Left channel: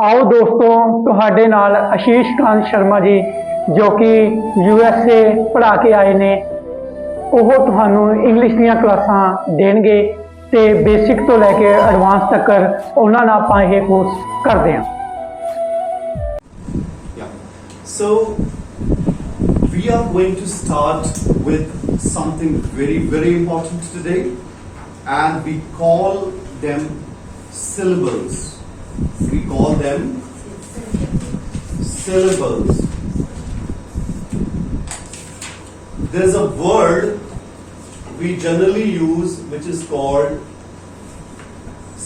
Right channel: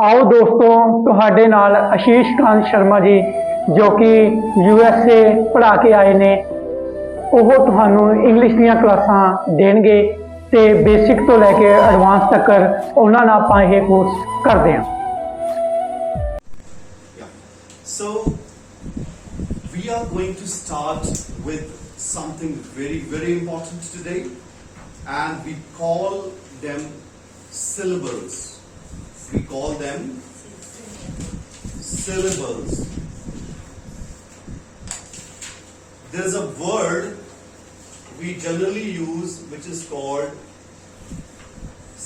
ਆਓ ਦੋਸਤੋ ਤੁਹਾਡੇ ਨਾਲ ਆਸ਼ੀਸ਼ ਕਾਂਤ ਸ਼ਰਮਾ ਜੀ ਜੋ ਕਿ USA ਪੜ੍ਹਾ ਕੇ ਆਏ ਨੇ ਉਹ ਤੁਹਾਨੂੰ ਇੰਗਲਿਸ਼ ਦੀਆਂ ਕਲਾਸਾਂ ਦੇਣਗੇ ਤੇ ਬੇਸਿਕ ਤੋਂ ਲੈ ਕੇ ਐਡਵਾਂਸ ਤੱਕ ਉਹਨਾਂ ਨਾਲ ਆਪਾਂ ਇਹ ਕੋਰਸ ਕਰਦੇ ਹਾਂ। So we are going to start with something very important today, and we call them syllables. We call them syllables. There's a word we generally use which is called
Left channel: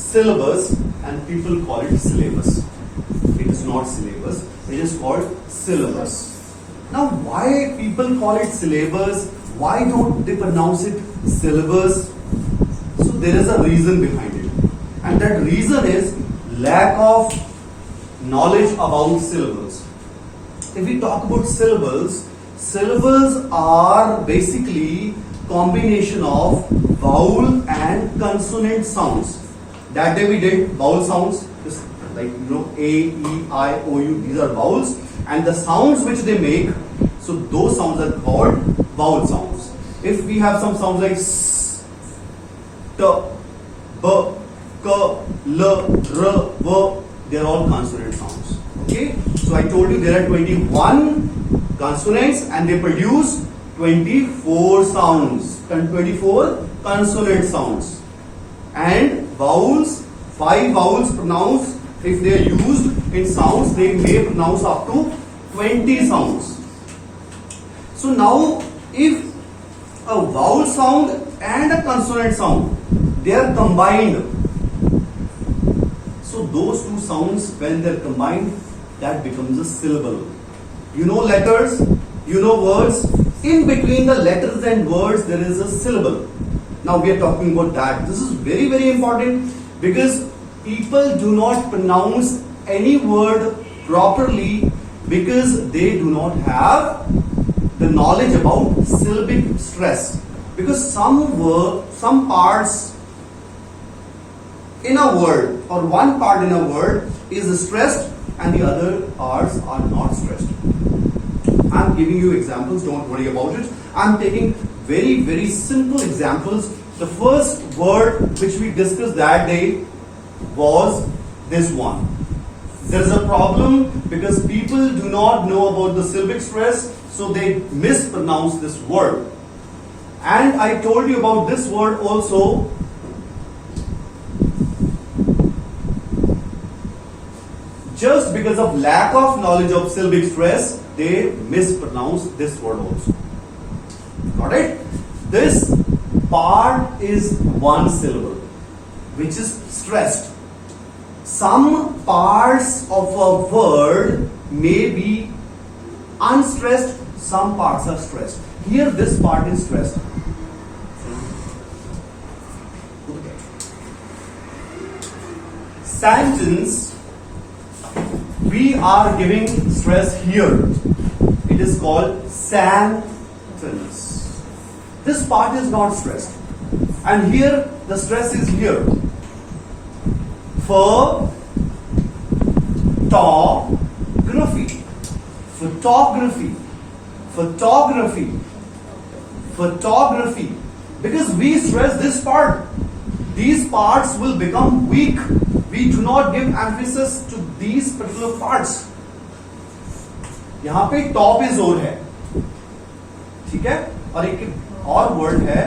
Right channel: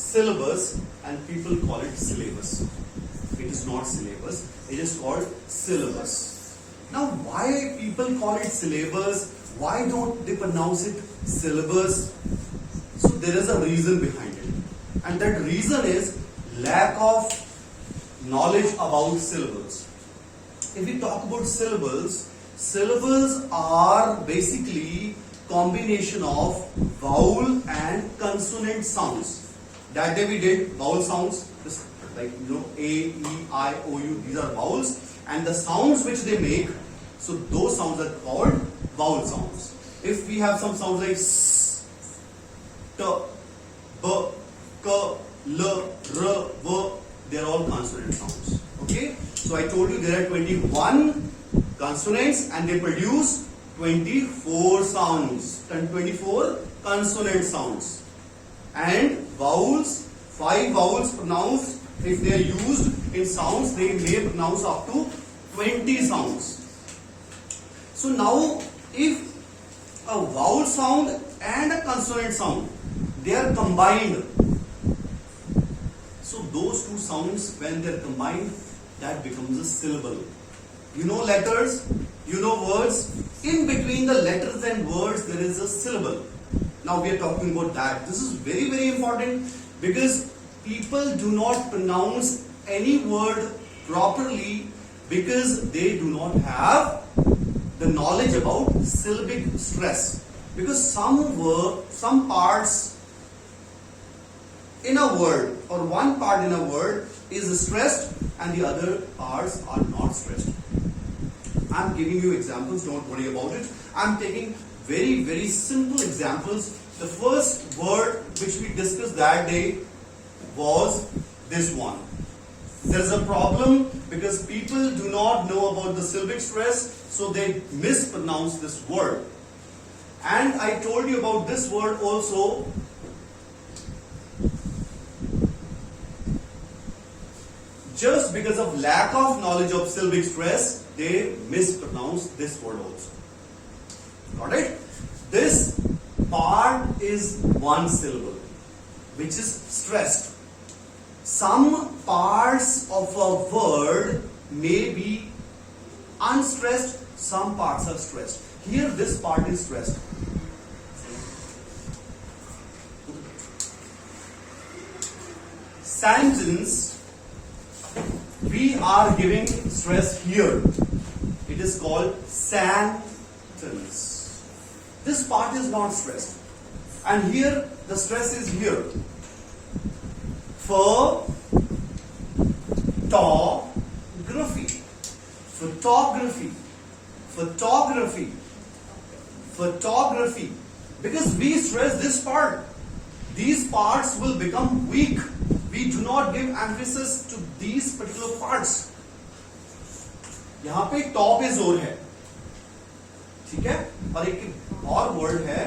syllabus, and people call it syllabus. It is not syllabus, it is called syllabus. Now, why people call it syllabus? Why don't they pronounce it syllabus? So there is a reason behind it, and that reason is lack of knowledge about syllables. If we talk about syllables, syllables are basically combination of vowel and consonant sounds. That day we did vowel sounds, like A, E, I, O, U. These are vowels, and the sounds which they make, so those sounds are called vowel sounds. If we have some sounds like S, T, B, K, L, R, V, they are all consonant sounds. Okay, so I told you there are 21 consonants and they produce 24 sounds and 24 consonant sounds, and vowels, 5 vowels pronounced. If they are used in sounds, they may pronounce up to 20 sounds. So now, if a vowel sound and a consonant sound, they are combined. So those two sounds, when they are combined, that becomes a syllable. You know letters, you know words. In between the letters and words, there is a syllable. Now we are talking about that. This is very important, because people do not pronounce any word properly because they do not have the knowledge about syllabic stress. Because some parts in a word, or one part in a word is stressed and the other parts are not stressed. I'm giving you examples, don't worry about it. I'm taking very simple examples. The first word which we discussed that day was this one. There is a problem because people do not know about the syllabic stress, so they mispronounce this word. And I told you about this word also. Just because of lack of knowledge of syllabic stress, they mispronounce this word also. Got it? This part is one syllable, which is stressed. Some parts of a word may be unstressed, some parts are stressed. Here this part is stressed. Sentence, we are giving stress here. It is called sentence. This part is not stressed, and here the stress is here. Photography, photography, photography, photography. Because we stress this part, these parts will become weak. We do not give emphasis to these particular parts. यहां पे top is जोर है, ठीक है, और एक और word है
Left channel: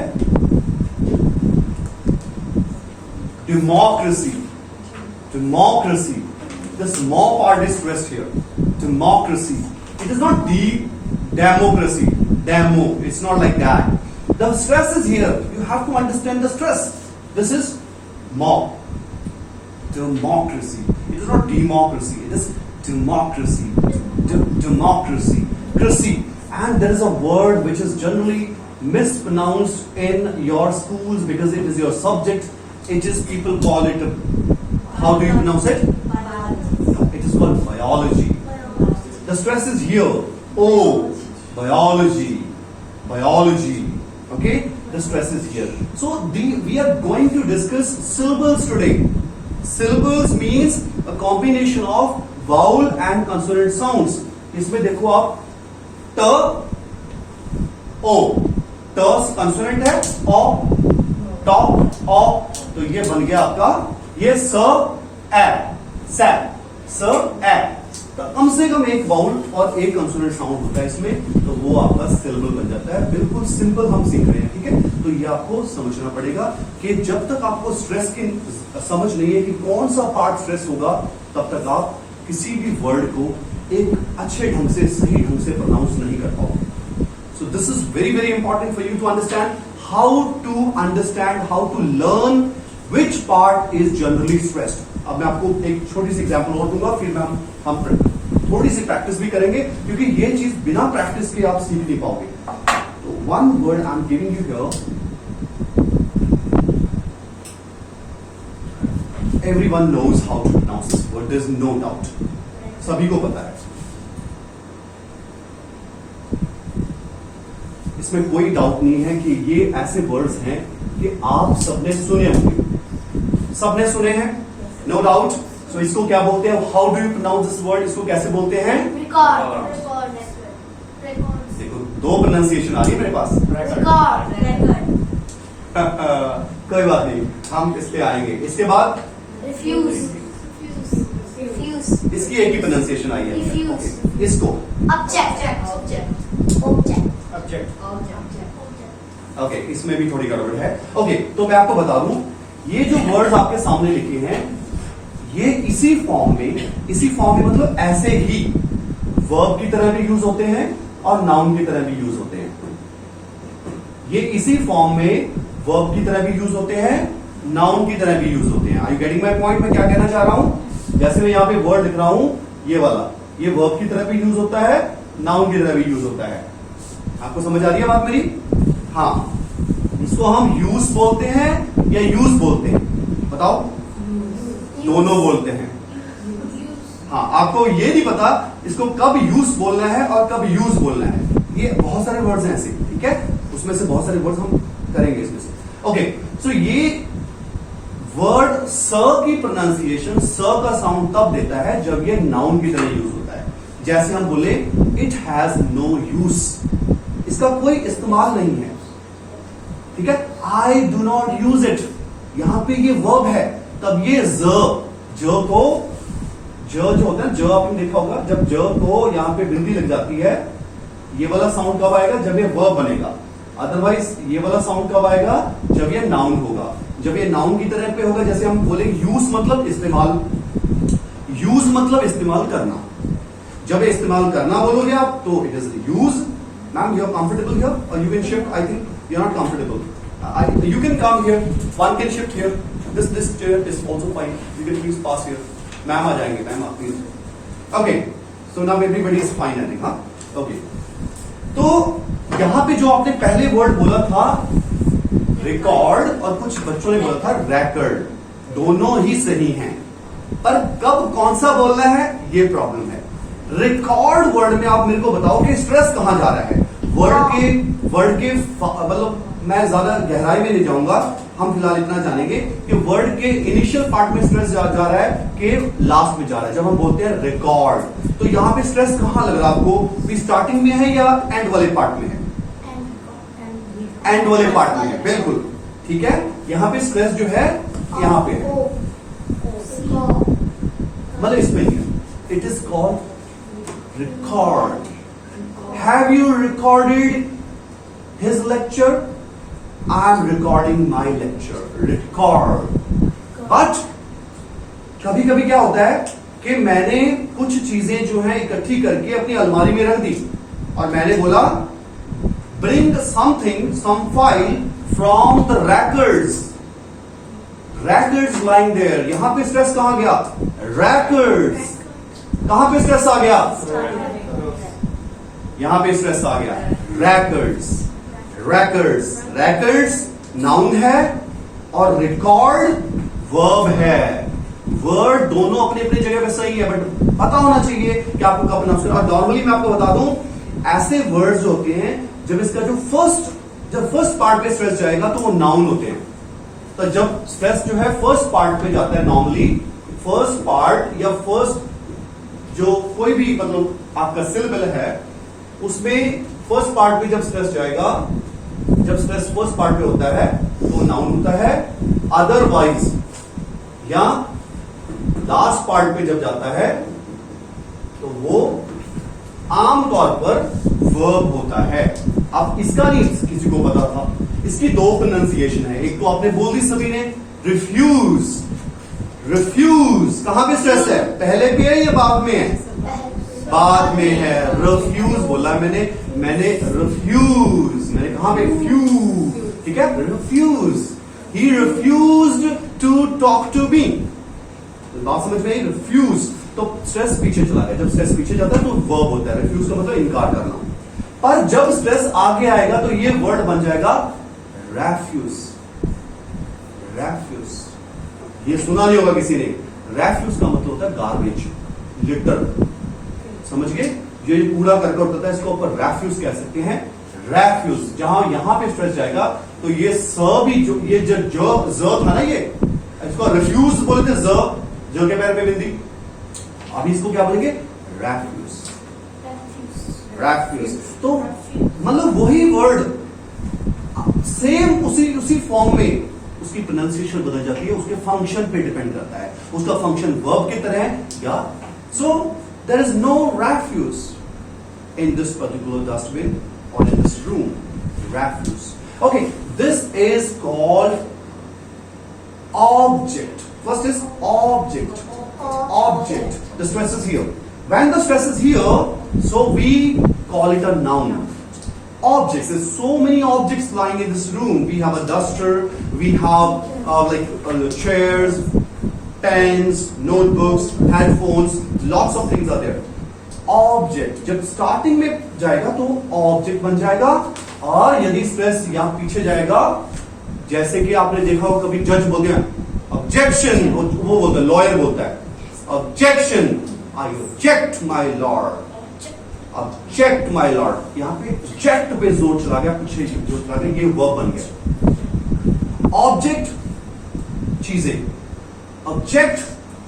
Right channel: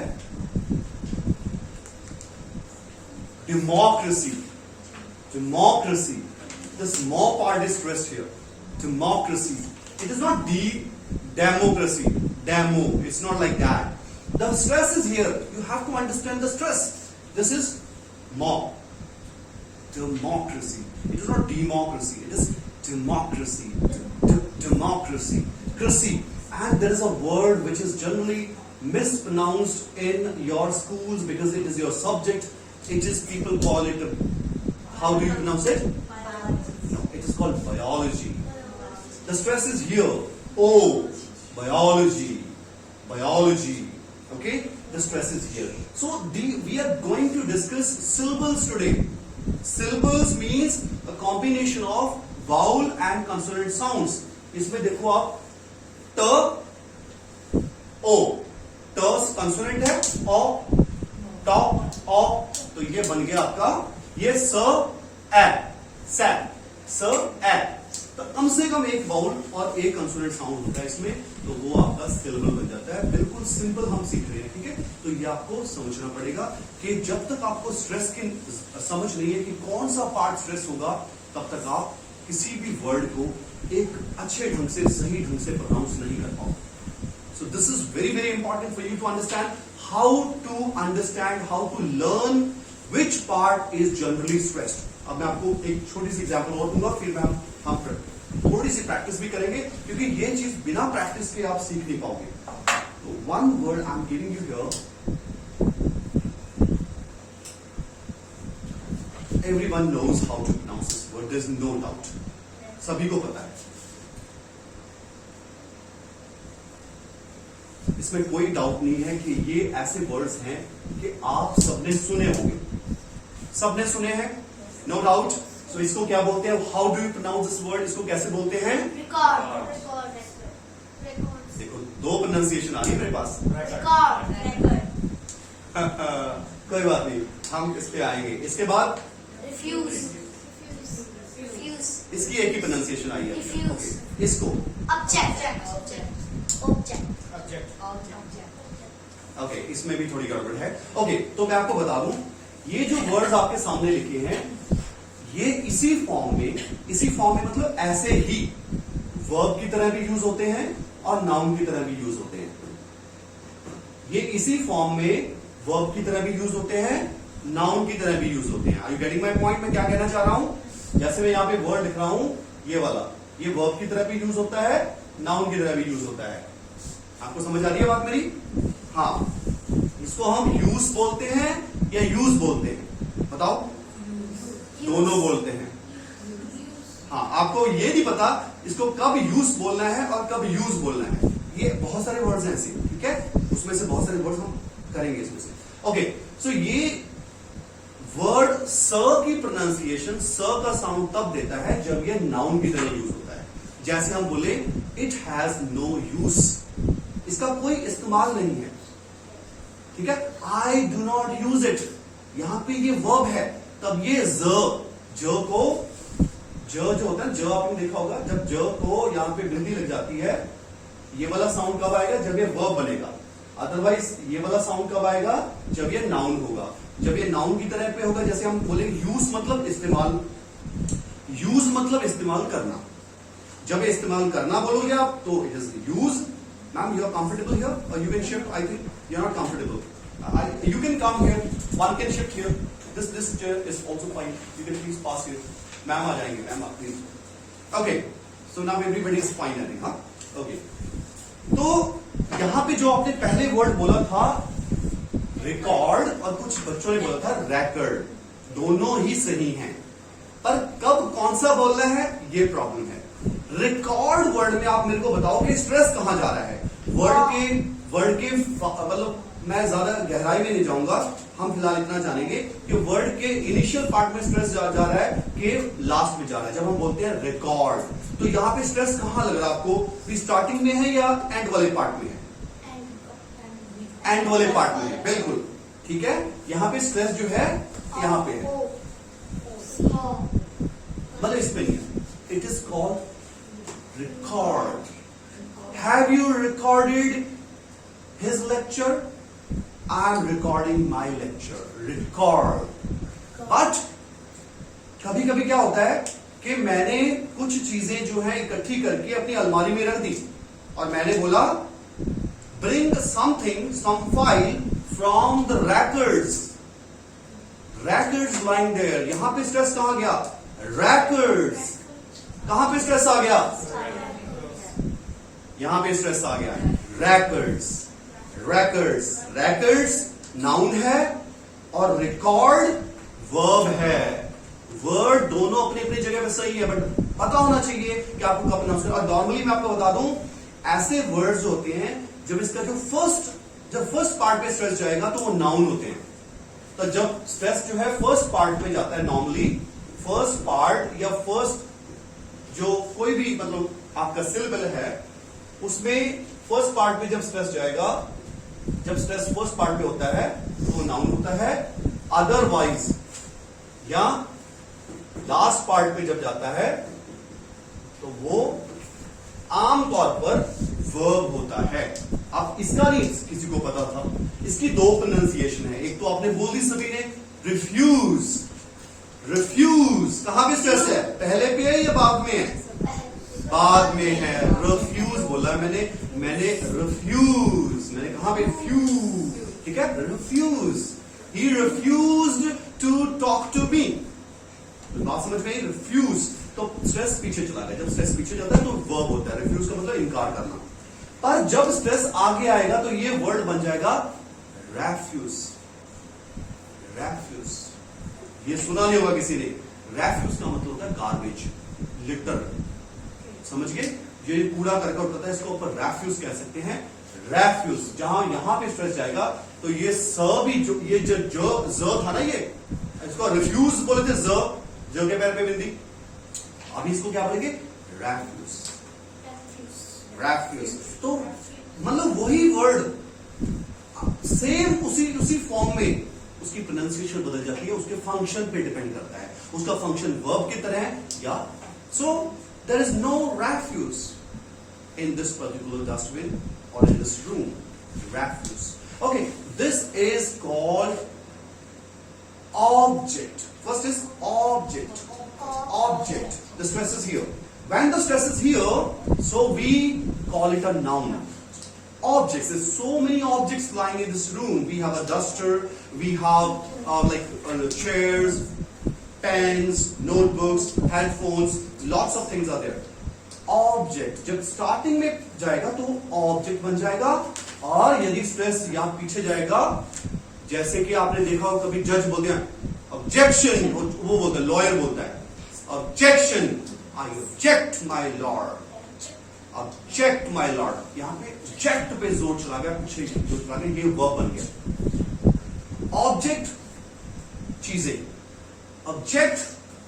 democracy. Democracy. The small part is stressed here. Democracy. It is not democracy. Demo. It's not like that. The stress is here. You have to understand the stress. This is democracy. It is not democracy. It is democracy. Democracy. Cracy. And there is a word which is generally mispronounced in your schools because it is your subject. It is, people call it, how do you pronounce it? No, it is called biology. The stress is here. Oh, biology. Biology. Okay? The stress is here. So we are going to discuss syllables today. Syllables means a combination of vowel and consonant sounds. इसमें देखो आप त ओ, ट consonant है, ओ ट ओ, तो ये बन गया आपका ये स ए स ए। तो कम से कम एक वाउल और एक कंसोनेंट साउंड होता है इसमें, तो वो आपका सिलेबल बन जाता है। बिल्कुल सिंपल हम सीख रहे हैं, ठीक है। तो ये आपको समझना पड़ेगा कि जब तक आपको स्ट्रेस की समझ नहीं है कि कौन सा पार्ट स्ट्रेस होगा, तब तक आप किसी भी वर्ड को एक अच्छे ढंग से, सही ढंग से प्रोनाउंस नहीं कर पाओगे। So this is very very important for you to understand how to learn which part is generally stressed. अब मैं आपको एक छोटी सी एग्जांपल और दूंगा, फिर हम थोड़ी सी प्रैक्टिस भी करेंगे, क्योंकि ये चीज बिना प्रैक्टिस के आप सीख नहीं पाओगे। तो one word I am giving you here, everyone knows how to pronounce this word, there is no doubt, सभी को पता है, इसमें कोई डाउट नहीं है कि ये ऐसे वर्ड्स हैं कि आप सबने सुने होंगे, सबने सुने हैं, नो डाउट। सो इसको क्या बोलते हैं, how do you pronounce this word, इसको कैसे बोलते हैं? रिकॉर्ड। देखो दो प्रोनाउंसिएशन आ रही है मेरे पास, कोई बात नहीं, हम इस पे आएंगे। इसके बाद रिफ्यूज। इसकी एक ही प्रोनाउंसिएशन आई है। Refuse. Okay. इसको ओके, इसमें भी थोड़ी गड़बड़ है। ओके, तो मैं आपको बता दूं, ये जो वर्ड्स आपके सामने लिखे हैं, ये इसी फॉर्म में मतलब ऐसे ही वर्ब की तरह भी यूज होते हैं और नाउन की तरह भी यूज होते हैं। ये इसी फॉर्म में वर्ब की तरह भी यूज होते हैं, नाउन की तरह भी यूज होते हैं। Are you getting my point? मैं क्या कहना चाह रहा हूं, जैसे मैं यहां पे वर्ड लिख रहा हूं, ये वाला, ये वर्ब की तरह भी यूज होता है, नाउन की तरह भी यूज होता है। आपको समझ आ रही है बात मेरी? हाँ, इसको हम यूज बोलते हैं या यूज बोलते हैं, बताओ? दोनों बोलते हैं। हाँ, आपको ये नहीं पता इसको कब यूज बोलना है और कब यूज बोलना है। ये बहुत सारे वर्ड्स हैं ऐसे, ठीक है, उसमें से बहुत सारे वर्ड्स हम करेंगे इसमें से। ओके, सो ये वर्ड स की प्रोनाउंसिएशन, स का साउंड तब देता है जब ये नाउन की तरह यूज होता है। जैसे हम बोले इट हैज नो यूज, इसका कोई इस्तेमाल नहीं है, ठीक है। I do not use it, यहां पे ये वर्ब है, तब ये जो को, जो होता है, जो आपने देखा होगा, जब जो को यहां पे बिंदी लग जाती है, ये वाला साउंड कब आएगा, जब ये वर्ब बनेगा। अदरवाइज ये वाला साउंड कब आएगा, जब ये नाउन होगा। जब ये नाउन की तरह पे होगा, जैसे हम बोले यूज मतलब इस्तेमाल, यूज मतलब इस्तेमाल करना। जब ये इस्तेमाल करना बोलोगे आप, तो it is use. Ma'am, you are comfortable here और you can shift? I think you are not comfortable, you can come here, one can shift here, this chair is also fine, you can please pass here. Ma'am आ जाएंगे, ma'am आप please. Okay, so now everybody is fine, I think. हाँ, okay, तो यहां पे जो आपने पहले वर्ड बोला था रिकॉर्ड, और कुछ बच्चों ने बोला था रैकर्ड, दोनों ही सही हैं, पर कब कौन सा बोलना है, ये प्रॉब्लम है। रिकॉर्ड वर्ड में आप मेरे को बताओ कि स्ट्रेस कहां जा रहा है। वर्ड के मतलब मैं ज्यादा गहराई में नहीं जाऊंगा, हम फिलहाल इतना जानेंगे कि वर्ड के इनिशियल पार्ट में स्ट्रेस जा रहा है कि लास्ट में जा रहा है। जब हम बोलते हैं रिकॉर्ड, तो यहां पे स्ट्रेस कहां लग रहा है आपको, स्टार्टिंग में है या एंड वाले पार्ट में है? एंड वाले पार्ट में है, बिल्कुल ठीक है। यहां पे स्ट्रेस जो है यहां पे है, मतलब इसमें नहीं है। It is called record. Have you recorded his lecture? I am recording my lecture, record. But कभी कभी क्या होता है कि मैंने कुछ चीजें जो है इकट्ठी करके अपनी अलमारी में रख दी, और मैंने बोला bring something, some file from the racks, racks lying there. यहां पे स्ट्रेस कहां गया, रैकर्स। कहां पे स्ट्रेस आ गया, यहां पे स्ट्रेस आ गया, रैकर्स। रैकर्स, रैकर्स नाउन है और रिकॉर्ड वर्ब है। वर्ड दोनों अपनी अपनी जगह पे सही है, बट पता होना चाहिए कि आपको कब प्रोनाउंस करना। और नॉर्मली मैं आपको बता दूं, ऐसे वर्ड्स होते हैं जब इसका जो फर्स्ट पार्ट पे स्ट्रेस जाएगा तो वो नाउन होते हैं। तो जब स्ट्रेस जो है फर्स्ट पार्ट पे जाता है, नॉर्मली फर्स्ट पार्ट या फर्स्ट जो कोई भी मतलब आपका सिलेबल है उसमें फर्स्ट पार्ट पे जब स्ट्रेस जाएगा, जब स्ट्रेस फर्स्ट पार्ट पे होता है तो नाउन होता है, अदरवाइज या लास्ट पार्ट पे जब जाता है तो वो आमतौर पर वर्ब होता है। अब इसका नहीं किसी को पता था, इसकी दो प्रोनाउंसिएशन है। एक तो आपने बोल दी सभी ने, रिफ्यूज। रिफ्यूज कहां पे स्ट्रेस है, पहले पे है या बाद में है? बाद में है। रिफ्यूज बोला मैंने रिफ्यूज, मैंने कहा पे फ्यूज, ठीक है, refuse. He refused to talk to me. बात समझ में आई? रिफ्यूज तो स्ट्रेस पीछे चला गया। जब स्ट्रेस पीछे जाता है तो वर्ब होता है। रिफ्यूज का मतलब इनकार करना। पर जब स्ट्रेस आगे आएगा तो ये वर्ड बन जाएगा रेफ्यूज। रेफ्यूज ये सुना नहीं होगा किसी ने। रेफ्यूज का मतलब होता है गार्बेज, लिटर। समझ गए? ये पूरा करके और पता है इसको ऊपर रेफ्यूज कह सकते हैं। रेफ्यूज जहां यहां पे स्ट्रेस जाएगा तो ये स भी जो ये जो था ना, ये इसको रिफ्यूज बोले थे, ज के पैर पे बिंदी। अभी इसको क्या बोलेंगे? रेफ्यूज। रेफ्यूज तो मतलब वही वर्ड सेम उसी फॉर्म में उसकी प्रोनाउंसिएशन बदल जाती है, उसके फंक्शन पे डिपेंड करता है। उसका फंक्शन वर्ब की तरह है या so there is no refuse in this particular dustbin or in this room. Refuse. Okay, this is called object. First is object. Object. The stress is here. When the stress is here, so we call it a noun. Objects. There's so many objects lying in this room. We have a duster. We have chairs, pens, notebooks, headphones. Lots of things are there. Object जब starting में जाएगा तो object बन जाएगा, और यदि stress यहां पीछे जाएगा, जैसे कि आपने देखा हो कभी जज बोलते हैं ऑब्जेक्शन, वो बोलता है, लॉयर बोलता है objection, I object my Lord, object my Lord. यहां पे ऑब्जेक्ट पे जोर चला गया, पीछे जोर चला गया, ये वर्ब बन गया। ऑब्जेक्ट चीजें, ऑब्जेक्ट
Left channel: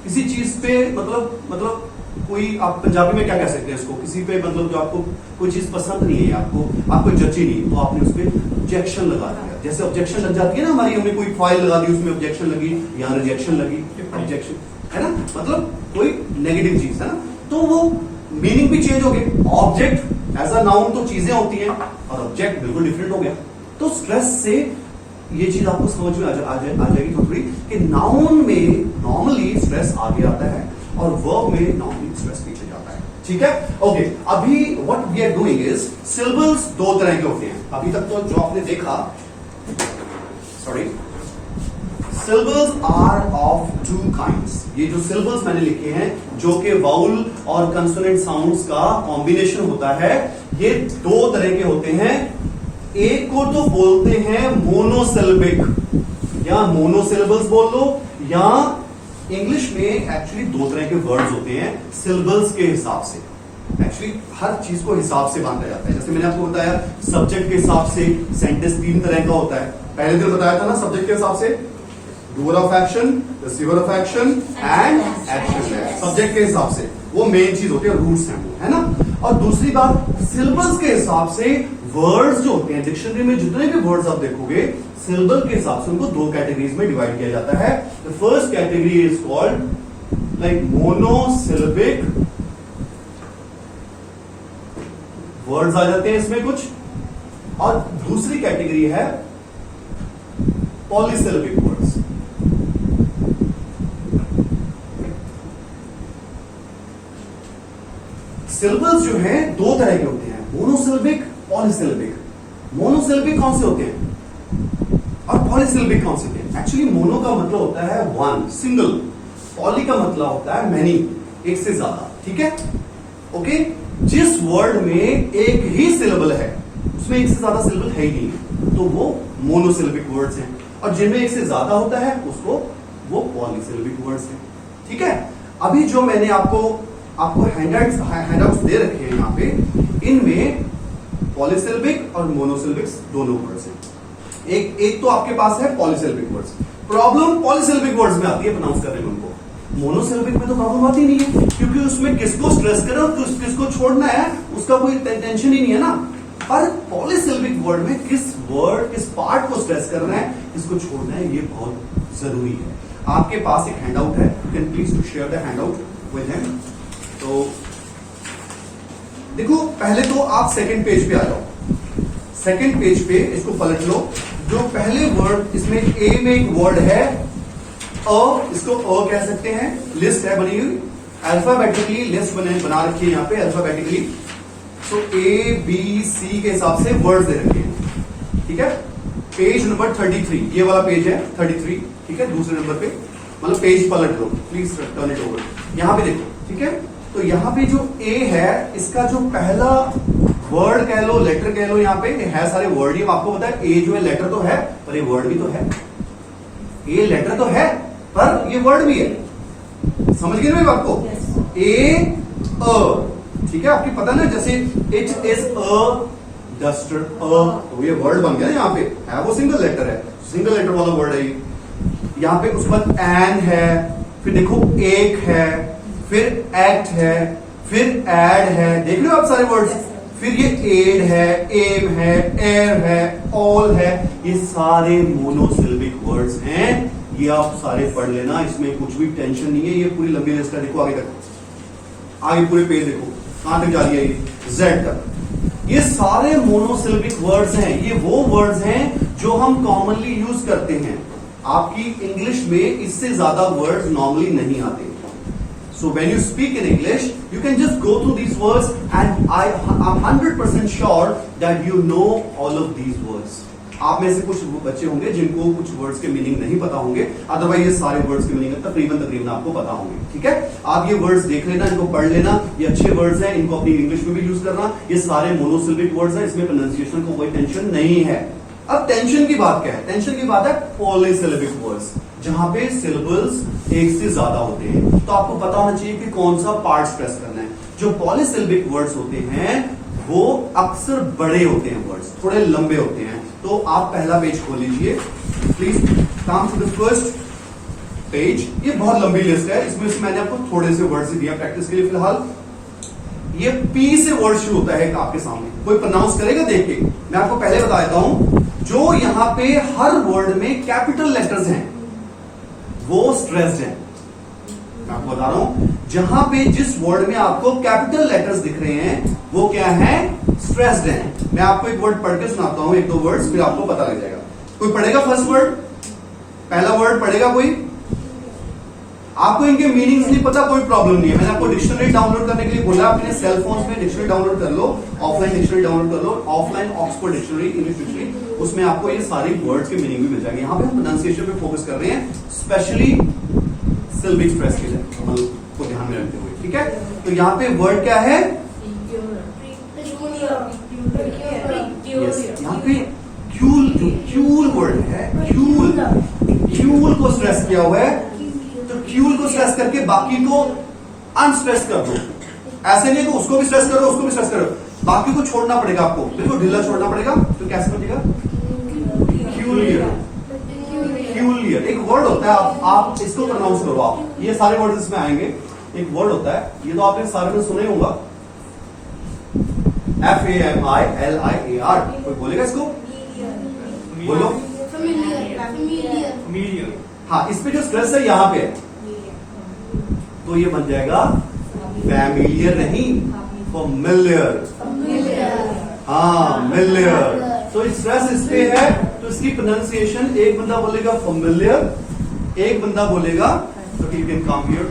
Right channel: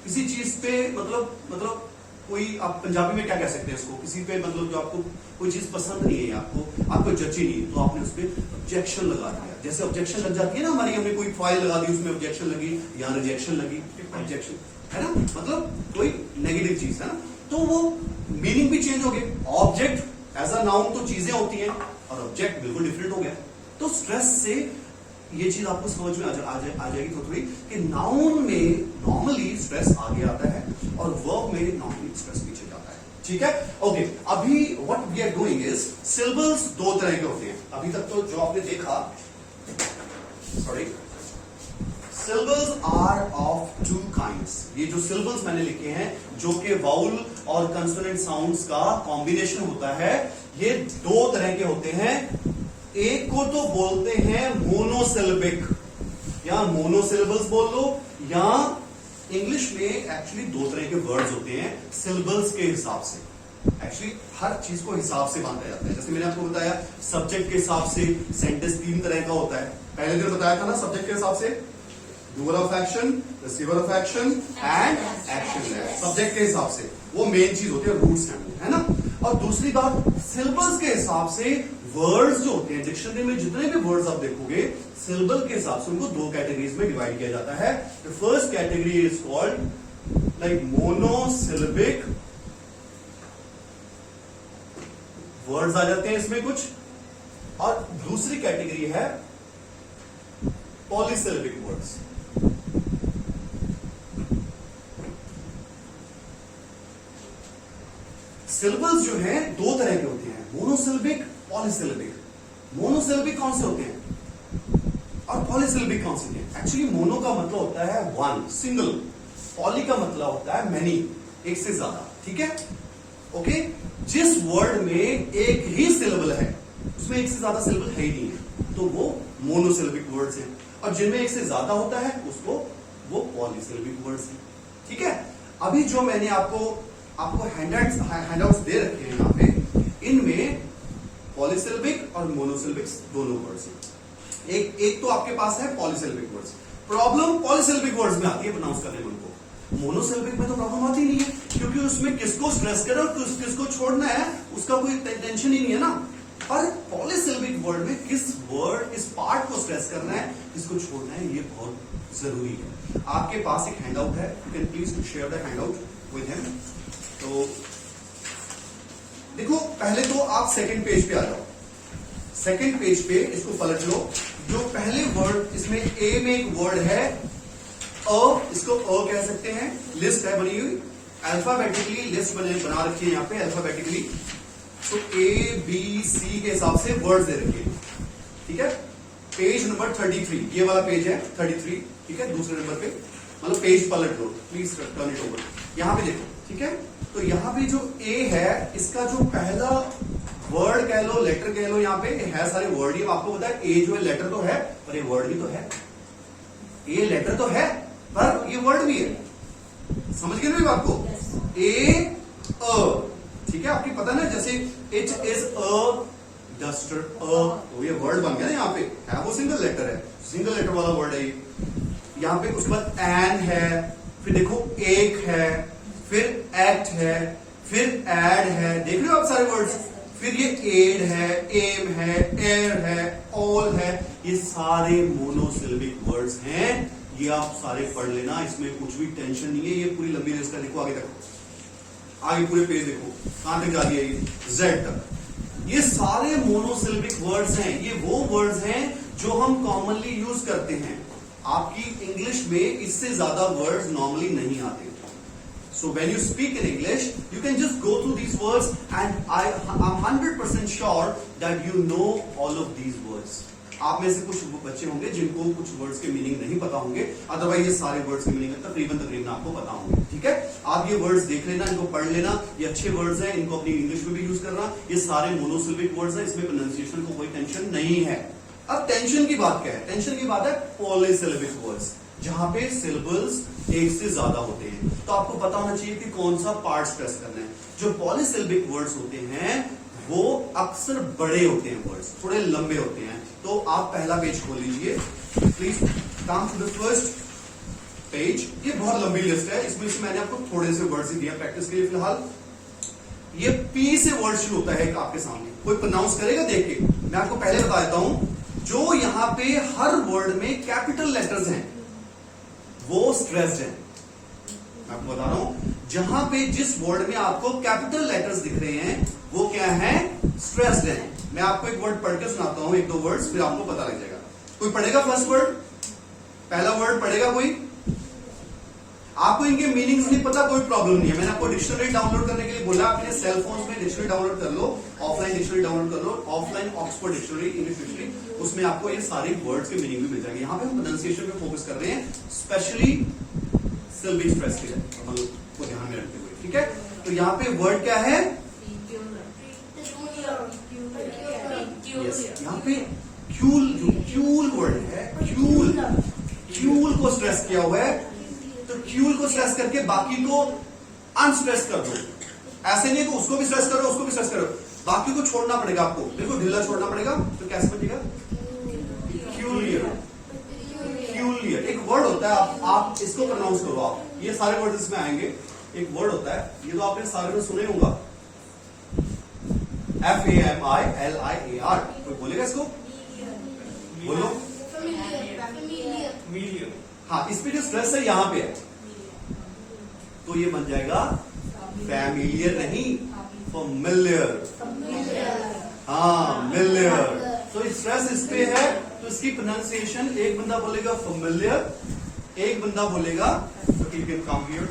किसी चीज पे मतलब कोई, आप पंजाबी में क्या कह सकते हैं इसको, किसी पे मतलब जो आपको कोई चीज पसंद नहीं है, आपको जची नहीं है, तो आपने उस पर ऑब्जेक्शन लगा दिया। जैसे ऑब्जेक्शन लग जाती है ना हमारी, हमने कोई फाइल लगा दी उसमें ऑब्जेक्शन लगी, यहाँ रिजेक्शन लगी, ऑब्जेक्शन है ना, मतलब कोई नेगेटिव चीज है ना, तो वो मीनिंग भी चेंज हो गया। ऑब्जेक्ट एज अ नाउन तो चीजें होती हैं और ऑब्जेक्ट बिल्कुल डिफरेंट हो गया। तो स्ट्रेस से ये चीज आपको समझ में आ जाएगी थोड़ी कि नाउन में नॉर्मली स्ट्रेस आगे आता है और वर्ब में नॉर्मली स्ट्रेस पीछे जाता है। ठीक है, ओके। अभी what we are doing is, syllables दो तरह के होते हैं। अभी तक तो जो आपने देखा, sorry, syllables are of two kinds. ये जो सिलेबल्स मैंने लिखे हैं जो कि वाउल और कंसोनेंट साउंड्स का कॉम्बिनेशन होता है, ये दो तरह के होते हैं। एक को तो बोलते हैं मोनोसिलेबिक, या मोनोसिलेबल्स बोल लो, या इंग्लिश में एक्चुअली दो तरह के वर्ड्स होते हैं सिलेबल्स के हिसाब से। एक्चुअली हर चीज को हिसाब से बांधा जाता है। जैसे मैंने आपको बताया सब्जेक्ट के हिसाब से सेंटेंस तीन तरह का होता है। पहले दिन बताया था ना, सब्जेक्ट के हिसाब से doer of action, receiver of action and action. Subject के हिसाब से वो मेन चीज होती है, रूट्स हैं वो, है ना। और दूसरी बात, सिलेबल्स के हिसाब से वर्ड्स जो होते हैं, डिक्शनरी में जितने भी वर्ड्स आप देखोगे, सिलेबल के हिसाब से उनको दो कैटेगरीज में डिवाइड किया जाता है। The first category is called like monosyllabic words आ जाते हैं इसमें कुछ, और दूसरी कैटेगरी है पॉलीसिलेबिक वर्ड्स। सिलेबल्स जो हैं दो तरह के होते हैं, मोनोसिलेबिक, पॉलीसिलेबिक। मोनोसिलेबिक कौन से होते हैं और पॉलीसिलेबिक कौन से होते हैं? एक्चुअली मोनो का मतलब होता है वन, सिंगल। पॉली का मतलब होता है मैनी, एक से ज्यादा। ठीक है, ओके। जिस वर्ड में एक ही सिलेबल है, उसमें एक से ज्यादा सिलेबल है ही नहीं है, तो वो मोनोसिलेबिक वर्ड्स हैं। और जिनमें एक से ज्यादा होता है उसको वो पॉलीसिलेबिक वर्ड्स हैं। ठीक है, अभी जो मैंने आपको हैंडआउट्स दे रखे हैं यहाँ पे, इनमें पॉलीसिलेबिक और मोनोसिलेबिक दोनों वर्ड्स हैं। एक तो आपके पास है polysyllabic words. Problem polysyllabic words में आती है प्रोनाउंस करने में उनको, मोनोसिलेबिक में तो प्रॉब्लम आती नहीं है, क्योंकि उसमें किसको स्ट्रेस करें और किसको छोड़ना है उसका कोई टेंशन ही नहीं है ना। पर पॉलीसिलेबिक वर्ड में किस पार्ट को स्ट्रेस करना है, किसको छोड़ना है, ये बहुत जरूरी है। आपके पास एक हैंडआउट है, you can please to share the handout with him. तो देखो, पहले तो आप सेकंड पेज पे आ जाओ, सेकंड पेज पे इसको पलट लो। जो पहले वर्ड, इसमें ए में एक वर्ड है इसको कह सकते हैं, लिस्ट है बनी हुई, अल्फाबेटिकली लिस्ट बना रखी है यहाँ पे alphabetically. So A B C के हिसाब से वर्ड्स दे रखे हैं, ठीक है। पेज नंबर 33, ये वाला पेज है 33, ठीक है, दूसरे नंबर पे, मतलब पेज पलट लो प्लीज, टर्न इट ओवर। यहां पे देखो, ठीक है। तो यहां पे जो ए है, इसका जो पहला वर्ड कह लो, लेटर कह लो, यहाँ पे है सारे वर्ड ही आपको पता है। ए जो है लेटर तो है, पर ये वर्ड भी तो है। ए लेटर तो है, पर ये वर्ड भी है। समझ गए ना बात को? ए ठीक है, आपकी पता ना, जैसे इट इज अ डस्टर, तो ये वर्ड बन गया यहाँ पे, है वो सिंगल लेटर है, सिंगल लेटर वाला वर्ड है ये। यहाँ पे उसके बाद एन है, फिर देखो एक है, फिर एक्ट है, फिर एड है, देख रहे हो आप सारे वर्ड्स। फिर ये एड है, एम है, एयर है, ऑल है, ये सारे मोनोसिलेबिक वर्ड्स हैं। ये आप सारे पढ़ लेना, इसमें कुछ भी टेंशन नहीं है। ये पूरी लंबी लिस्ट है, देखो आगे तक, आगे पूरे पेज देखो कहां तक जा रही है, ये जेड तक। ये सारे मोनोसिलेबिक वर्ड्स हैं। ये वो वर्ड्स हैं जो हम कॉमनली यूज करते हैं। आपकी इंग्लिश में इससे ज्यादा वर्ड्स नॉर्मली नहीं आते। So when you speak in English, you can just go through these words, and I'm 100% sure that you know all of these words. आप में से कुछ बच्चे होंगे जिनको कुछ वर्ड्स के मीनिंग नहीं पता होंगे, अदरवाइज ये सारे वर्ड्स के मीनिंग तकरीबन आपको पता होंगे, ठीक है। आप ये वर्ड्स देख लेना, इनको पढ़ लेना, ये अच्छे वर्ड्स हैं, इनको अपनी इंग्लिश में भी यूज करना। ये सारे मोनोसिलेबिक वर्ड्स हैं, इसमें प्रोनाउंसिएशन को कोई टेंशन नहीं है। अब टेंशन की बात क्या है? टेंशन की बात है पॉलीसिलेबिक वर्ड्स, जहां पे सिलेबल्स एक से ज्यादा होते हैं। तो आपको पता होना चाहिए कि कौन सा पार्ट स्ट्रेस करना है। जो पॉलीसिलेबिक वर्ड्स होते हैं वो अक्सर बड़े होते हैं, वर्ड्स थोड़े लंबे होते हैं। तो आप पहला पेज खोल लीजिए please, come to the first page. ये बहुत लंबी लिस्ट है, इसमें से मैंने आपको थोड़े से वर्ड्स दिया प्रैक्टिस के लिए फिलहाल। ये पी से वर्ड शुरू होता है आपके सामने, कोई प्रोनाउंस करेगा देख के। मैं आपको पहले बता देता हूं, जो यहां पे हर वर्ड में कैपिटल लेटर्स हैं वो स्ट्रेस्ड है। मैं आपको बता रहा हूं, जहां पे जिस वर्ड में आपको कैपिटल लेटर्स दिख रहे हैं वो क्या है? स्ट्रेस्ड है। मैं आपको एक वर्ड पढ़ के सुनाता हूं, एक दो वर्ड्स, फिर आपको पता लग जाएगा। कोई पढ़ेगा फर्स्ट वर्ड? पहला वर्ड पढ़ेगा कोई? आपको इनके मीनिंग्स नहीं पता, कोई प्रॉब्लम नहीं है। मैंने आपको डिक्शनरी डाउनलोड करने के लिए बोला, अपने सेल फोन में डिक्शनरी डाउनलोड कर लो, ऑफलाइन डिक्शनरी डाउनलोड कर लो, offline Oxford dictionary, English dictionary, उसमें आपको ये सारे वर्ड्स के मीनिंग भी मिल जाएंगे। यहाँ पे हम प्रोनाउंसिएशन पे फोकस कर रहे हैं, स्पेशली सिलेबिक स्ट्रेस के लिए को ध्यान में रखते हुए, ठीक है। तो यहाँ पे वर्ड क्या है? यहाँ पे क्यूल, जो क्यूल वर्ड है, क्यूल को स्ट्रेस किया हुआ है। तो क्यूल को स्ट्रेस करके बाकी को अनस्ट्रेस कर दो। ऐसे नहीं कि उसको भी स्ट्रेस करो, उसको भी स्ट्रेस करो, बाकी को छोड़ना पड़ेगा आपको, बिल्कुल ढीला छोड़ना पड़ेगा। तो कैसे बचेगा? क्यूलियर। क्यूलियर एक वर्ड होता है, आप इसको प्रोनाउंस करो। आप ये सारे वर्ड इसमें आएंगे। एक वर्ड होता है, ये तो आपने सारे में सुने होगा, FAMILIAR। कोई बोलेगा इसको? बोलो। हाँ, इस पे जो स्ट्रेस है यहाँ पे है, तो ये बन जाएगा फैमिलियर नहीं, फैमिलियर। हाँ, मिलियर। तो स्ट्रेस इस पे है, तो इसकी प्रोनाउंसिएशन, एक बंदा बोलेगा फैमिलियर, एक बंदा बोलेगा, तो you can come here,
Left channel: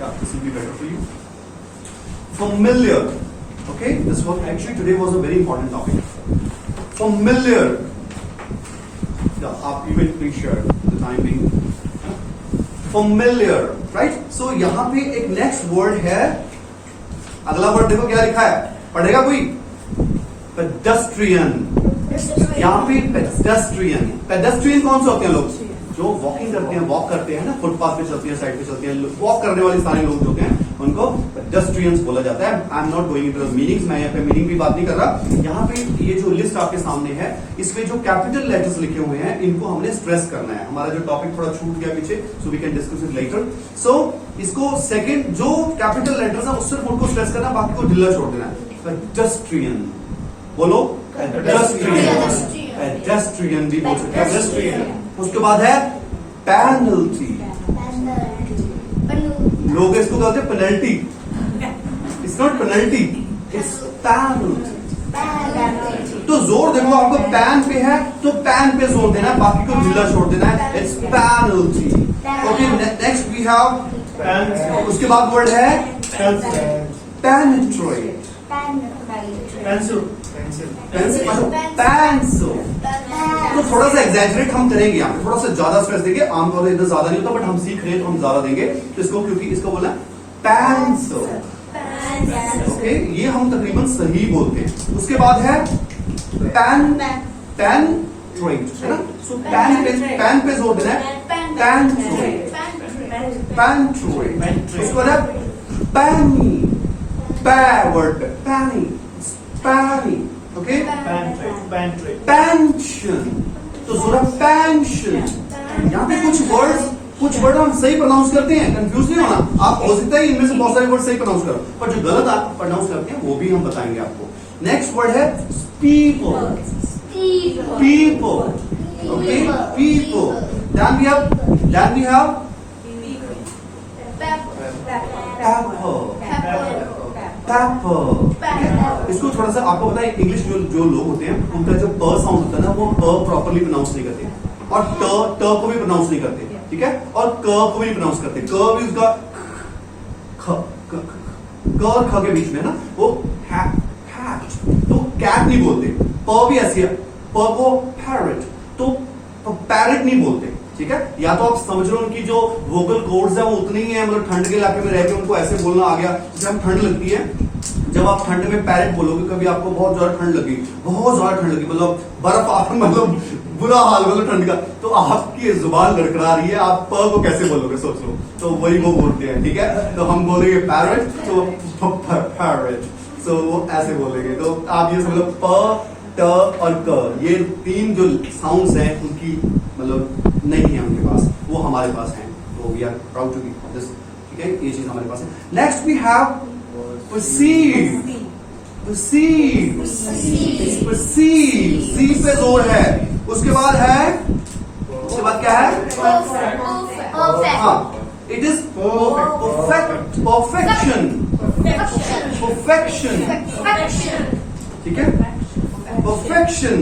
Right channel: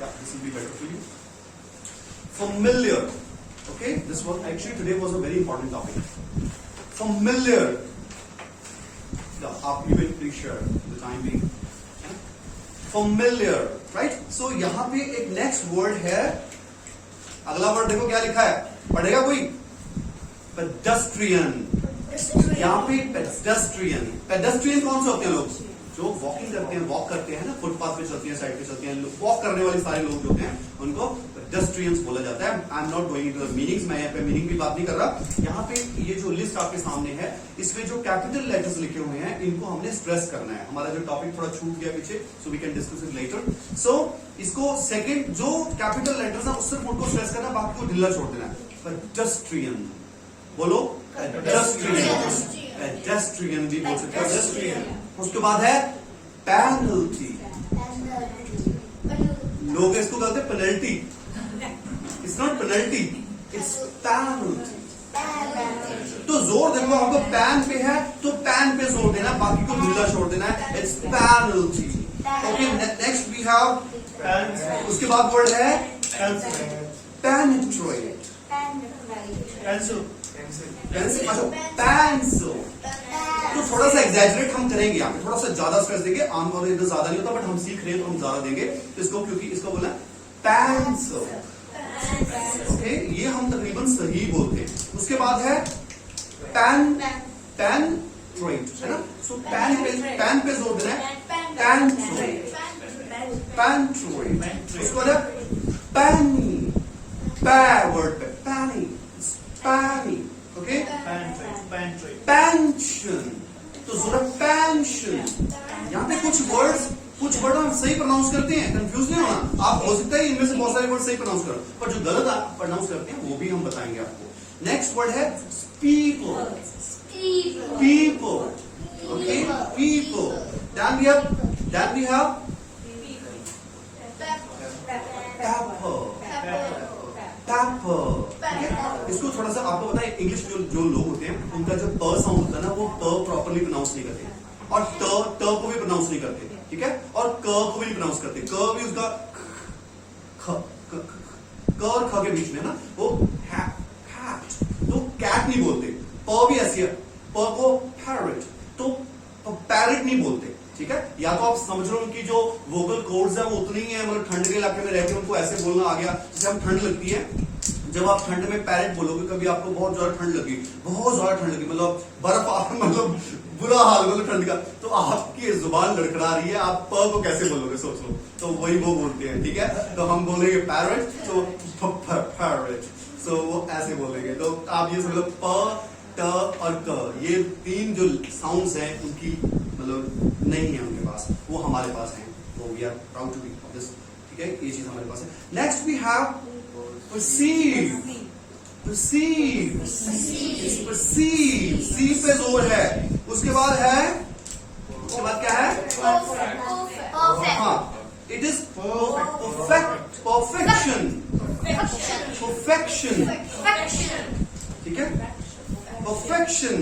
this will be better for you, familiar. Okay, this was actually today was a very important topic, familiar. आप you will please share the time being familiar, right? So यहां पे एक next word है, अगला word देखो क्या लिखा है, पढ़ेगा कोई? पेडेस्ट्रियन। यहां पे पेडेस्ट्रियन, पेडेस्ट्रियन कौन से होते हैं लोग? जो वॉकिंग करते हैं, वॉक करते हैं ना, फुटपाथ पे चलती है, साइड पे चलते हैं, वॉक करने वाले सारे लोग जो हैं उनको पेडेस्ट्रियंस बोला जाता है। I am not going into the meanings, मैं यहाँ पे मीनिंग की बात नहीं कर रहा। यहाँ पे ये जो लिस्ट आपके सामने है, इसमें जो कैपिटल लेटर्स लिखे हुए हैं इनको हमने स्ट्रेस करना है। हमारा जो टॉपिक थोड़ा छूट गया पीछे, so we can discuss it later. So इसको सेकंड जो कैपिटल लेटर्स है सिर्फ उनको स्ट्रेस करना, बाकी को ढीला छोड़ देना है। पेडेस्ट्रियन बोलो, पेडेस्ट्रियन, पेडेस्ट्रियन भी बोल सकते हैं, पेडेस्ट्रियन। उसके बाद है पेनल्टी, लोग इसको कहते हैं penalty, it's not penalty, it's penalty. तो जोर देखो, आपको पैन पे है तो पैन पे जोर देना है, बाकी को ढीला छोड़ देना है, it's penalty. Okay, next we have, उसके बाद वर्ड है पेनिट्रेट, पेंसिल, पेंसिल। तो थोड़ा सा एग्जैजरेट हम करेंगे यहाँ पे, थोड़ा सा ज्यादा स्ट्रेस देंगे, आमतौर पर इतना ज्यादा नहीं होता, बट हम सीख रहे हैं तो हम ज्यादा देंगे तो इसको, क्योंकि इसको बोला पेंसिल। ओके, ये हम तकरीबन सही बोलते हैं। उसके बाद है पेन, पेनिट्रेट है ना, सो पैन पे जोर देना है, पेनिट्रेट, पेनिट्रेट। उसके बाद है पैनी, वर्ड पे पैनी, पैनी। ओके, पेंशन, तो जरा पेंशन। यहाँ पे कुछ वर्ड हम सही प्रोनाउंस करते हैं, कंफ्यूज नहीं होना। आप हो सकता है इनमें से बहुत सारे वर्ड सही प्रोनाउंस करो, पर जो गलत आप प्रोनाउंस करते हैं वो भी हम बताएंगे आपको। नेक्स्ट वर्ड है people, people. Okay, people. Then we have paper. इसको थोड़ा सा आपको पता है, इंग्लिश जो लोग होते हैं उनका जो प साउंड होता है ना, वो प प्रॉपरली प्रोनाउंस नहीं करते, और ट को भी प्रोनाउंस नहीं करते, ठीक है, और क को भी प्रोनाउंस करते। क भी उसका क और ख के बीच में ना, वो हैट, तो कैट नहीं बोलते। प भी ऐसी है, प को पैरेट, तो पैरेट नहीं बोलते, ठीक है। या तो आप समझ लो उनकी जो वोकल कोड्स है वो उतनी ही है, मतलब ठंड के इलाके में रह के उनको ऐसे बोलना आ गया। जैसे हम ठंड लगती है, जब आप ठंड में पैरेट बोलोगे, कभी आपको बहुत ज्यादा ठंड लगी, बहुत ज्यादा ठंड लगी, मतलब बर्फ आप, मतलब बुरा हाल, मतलब ठंड का, तो आपकी जुबान लड़खड़ा रही है, आप प को कैसे बोलोगे, सोच लो। तो वही वो बोलते हैं, ठीक है। तो हम बोलेंगे पैरेट, तो पैरेट, सो वो ऐसे बोलेंगे। तो आप ये समझ लो, प, ट और क, ये तीन जो साउंड्स हैं उनकी मतलब नहीं है उनके पास, वो हमारे पास हैं। तो we are proud to be this, ठीक है, ये चीज हमारे पास है। Next we have perceive, perceive, perceive, C पे जोर है। उसके बाद क्या है, हाँ, it is perfect, perfection, perfection, ठीक है, परफेक्शन।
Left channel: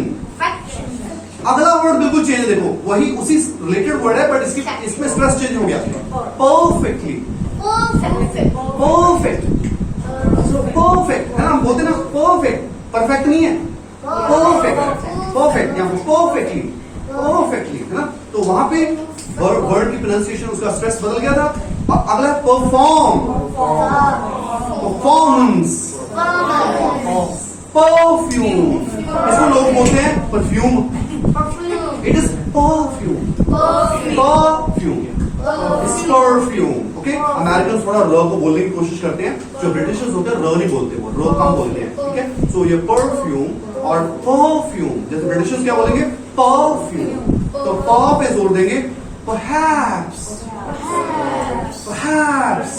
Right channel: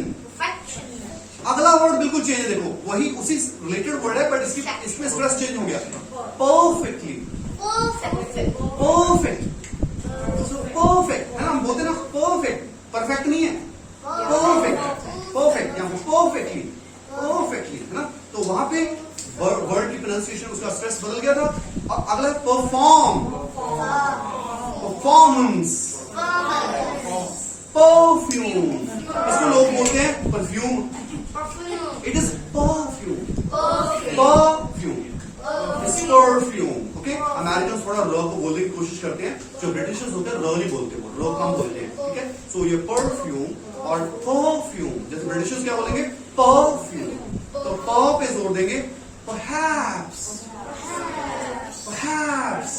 अगला वर्ड बिल्कुल चेंज है, देखो वही उसी रिलेटेड वर्ड है, बट इसमें स्ट्रेस चेंज हो गया। परफेक्टली, परफेक्ट, परफेक्ट है ना, हम बोलते ना परफेक्ट, परफेक्ट नहीं है, परफेक्ट, परफेक्ट, यहाँ पे परफेक्टली, परफेक्टली है ना। तो वहां पे वर्ड की प्रोनाउंसिएशन, उसका स्ट्रेस बदल गया था। अगला परफॉर्म, परफॉर्मेंस, परफ्यूम, इसको लोग बोलते हैं perfume, it is perfume, perfume, it's perfume. Okay, American थोड़ा र को बोलने की कोशिश करते हैं, जो ब्रिटिशर्स होते हैं र नहीं बोलते, वो र कम बोलते हैं, ठीक है। सो ये परफ्यूम और परफ्यूम, जैसे ब्रिटिशर्स क्या बोलेंगे, परफ्यूम, तो प पे जोर देंगे, perhaps, perhaps,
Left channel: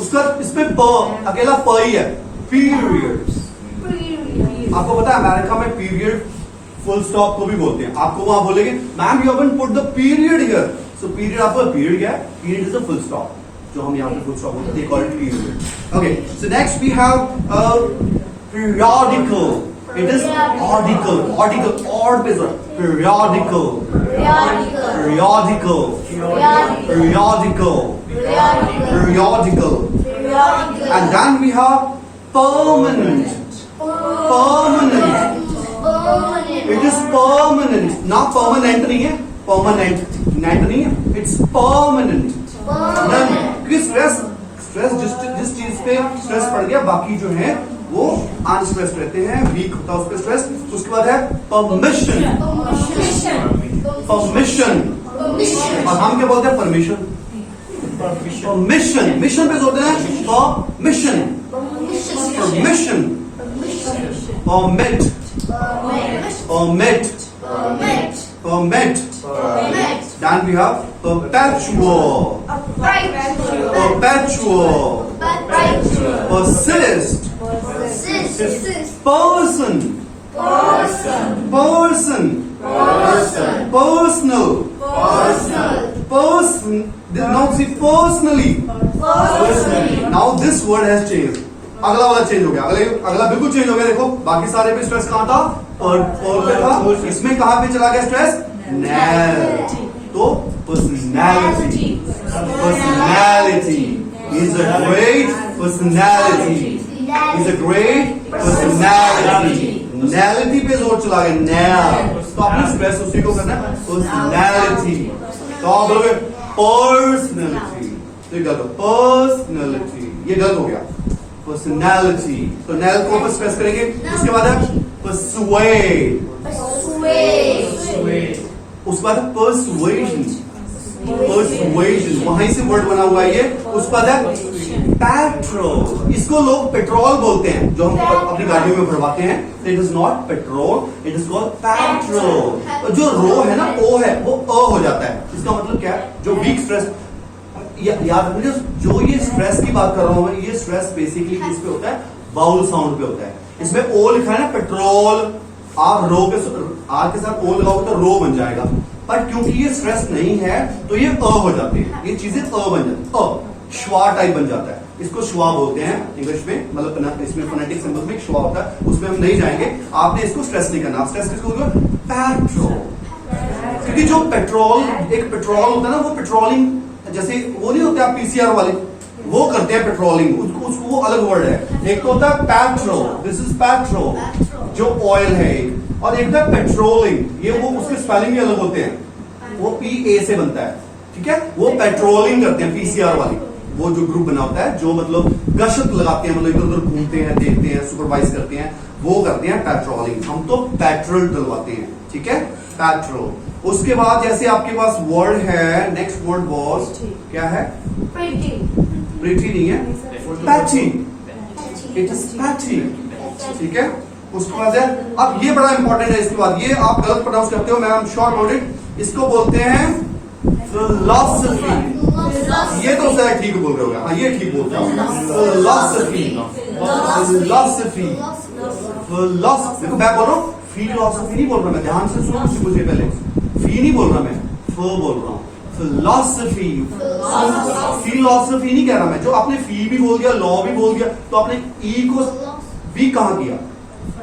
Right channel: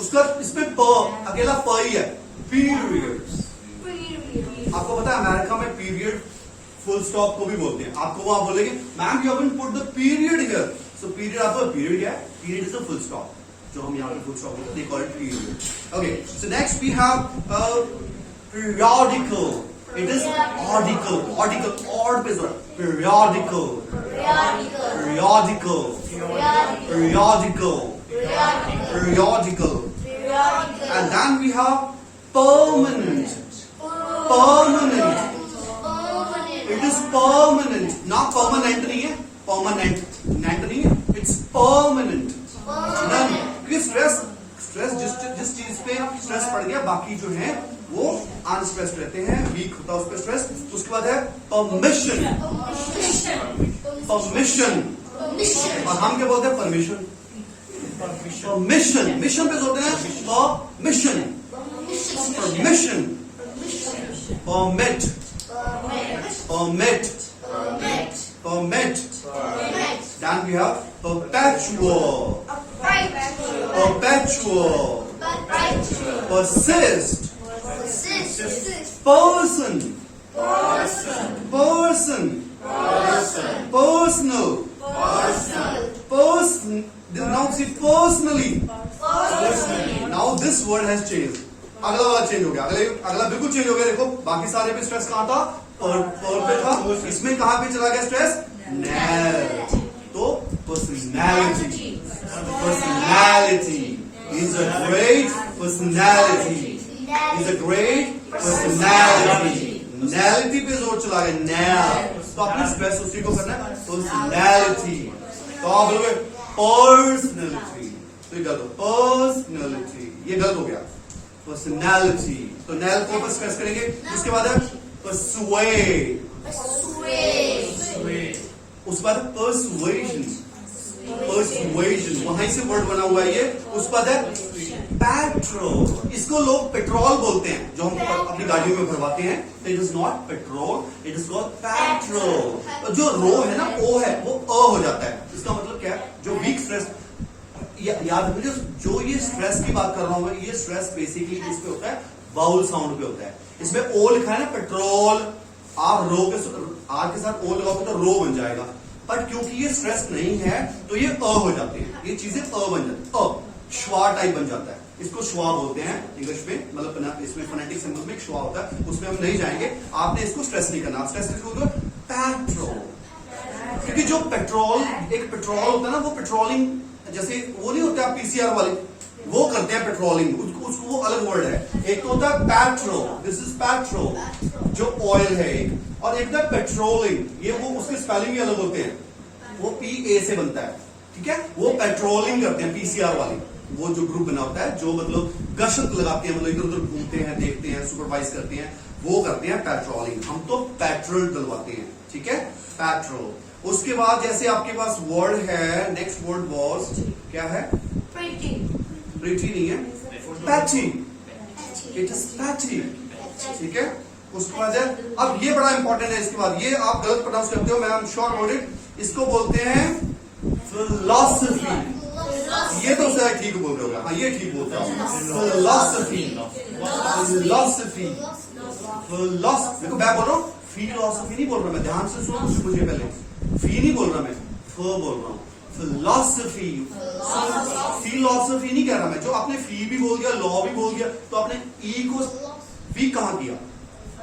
उसका इसमें प अकेला प ही है, periods। आपको पता है अमेरिका में पीरियड फुल स्टॉप को भी बोलते हैं। आपको वहां बोलेंगे, ma'am you haven't put the period here, so period, आपका पीरियड क्या है, period is the full stop, जो हम यहाँ पे फुल स्टॉप बोलते हैं, they call it period. Okay, so next we have periodical, it is article, article, और पे जोर, periodical, periodical, periodical, periodical, and then we have permanent, permanent, it is permanent, ना permanent नहीं है, permanent, नेट नहीं है, it's permanent। क्योंकि stress जिस चीज पे स्ट्रेस पड़ गया, बाकी जो है वो अनस्ट्रेस्ड रहते हैं, वीक होता है उस पर स्ट्रेस। उसके बाद है परमिशन, परमिशन, और हम क्या बोलते हैं? परमिशन। परमिशन, मिशन पे जोड़ते हैं permission, permission, permit, permit, permit. Then we have perpetual, perpetual, persist, person, person, personal, person. Now see personally. Now this word has changed. अगला वाला चेंज हो गया, अगला बिल्कुल चेंज हो गया। देखो बाकी सारे पे स्ट्रेस कहां था? पर पे था। इसमें कहां पे चला गया स्ट्रेस? नैल। तो personality, personality is a great personality, is a great personality. नैलिटी पे जोर चला गया, नैल। तो आपने स्ट्रेस उसी को करना है, पर्सनैलिटी। तो आप बोलोगे पर्सनैलिटी, तो ये गलत हो, पर्सनैलिटी ये गलत हो गया। पर्सनैलिटी, तो नैल को पर स्ट्रेस करेंगे। उसके बाद है persuade, उसके बाद persuasion, persuasion वहीं से वर्ड बना हुआ है ये। उसके बाद है पेट्रोल, इसको लोग पेट्रोल बोलते हैं जो हम अपनी गाड़ियों में भरवाते हैं। It is not petrol, it is called petrol. जो रो है ना, ओ है, वो अ हो जाता है। इसका मतलब क्या है? जो वीक स्ट्रेस, याद रखिए जो ये स्ट्रेस की बात कर रहा हूं मैं, ये स्ट्रेस बेसिकली किस पे होता है? बाउल साउंड पे होता है। इसमें ओ लिखा है ना, पेट्रोल, आप रो के आर के साथ ओ लगाओगे तो रो बन जाएगा। बट क्योंकि ये स्ट्रेस नहीं है तो ये अ हो जाते हैं, ये चीजें अ बन जाती है, अ श्वा टाइप बन जाता है। इसको श्वा बोलते हैं इंग्लिश में, मतलब इसमें फोनेटिक सिंबल्स में श्वा होता है, उसमें हम नहीं जाएंगे। आपने इसको स्ट्रेस नहीं करना। स्ट्रेस किसको? पेट्रोल। क्योंकि जो पेट्रोल, एक पेट्रोल होता है ना, वो पेट्रोलिंग, जैसे वो नहीं होते आप पीसीआर वाले, वो करते हैं पेट्रोलिंग, उसको वो अलग वर्ड है। एक तो होता है पेट्रोल, दिस इज पेट्रोल जो ऑयल है एक, और एक था पेट्रोलिंग, ये वो उसके स्पेलिंग भी अलग होते हैं, वो PA से बनता है, ठीक है। वो पेट्रोलिंग करते हैं पीसीआर वाली, वो जो ग्रुप बना होता है, जो मतलब गश्त लगाते हैं, मतलब इधर उधर घूमते हैं, देखते हैं, सुपरवाइज करते हैं, वो करते हैं पेट्रोलिंग। हम तो पेट्रोल डलवाते हैं, ठीक है, पेट्रोल। उसके बाद जैसे आपके पास वर्ड है, नेक्स्ट वर्ड वॉज क्या है? प्रीटी नहीं है, पैची, इट इज पैची, ठीक है। उसके बाद है, अब ये बड़ा इंपॉर्टेंट है। इसके बाद ये आप गलत प्रोनाउंस करते हो, मैं I am sure about it. इसको बोलते हैं फिलॉसफी। ये तो शायद ठीक बोल रहे हो, हाँ ये ठीक बोलते हो, फिलॉसफी, फिलॉसफी, फिलॉसफी। देखो मैं बोल रहा हूँ फिलॉसफी नहीं बोल रहा मैं, ध्यान से सुनो मुझे पहले। फी नहीं बोल रहा मैं, फ बोल रहा हूँ, फिलॉसफी। फिलॉसफी नहीं कह रहा मैं। जो आपने फी भी बोल दिया, लॉ भी बोल दिया, तो आपने ई को भी कहां किया?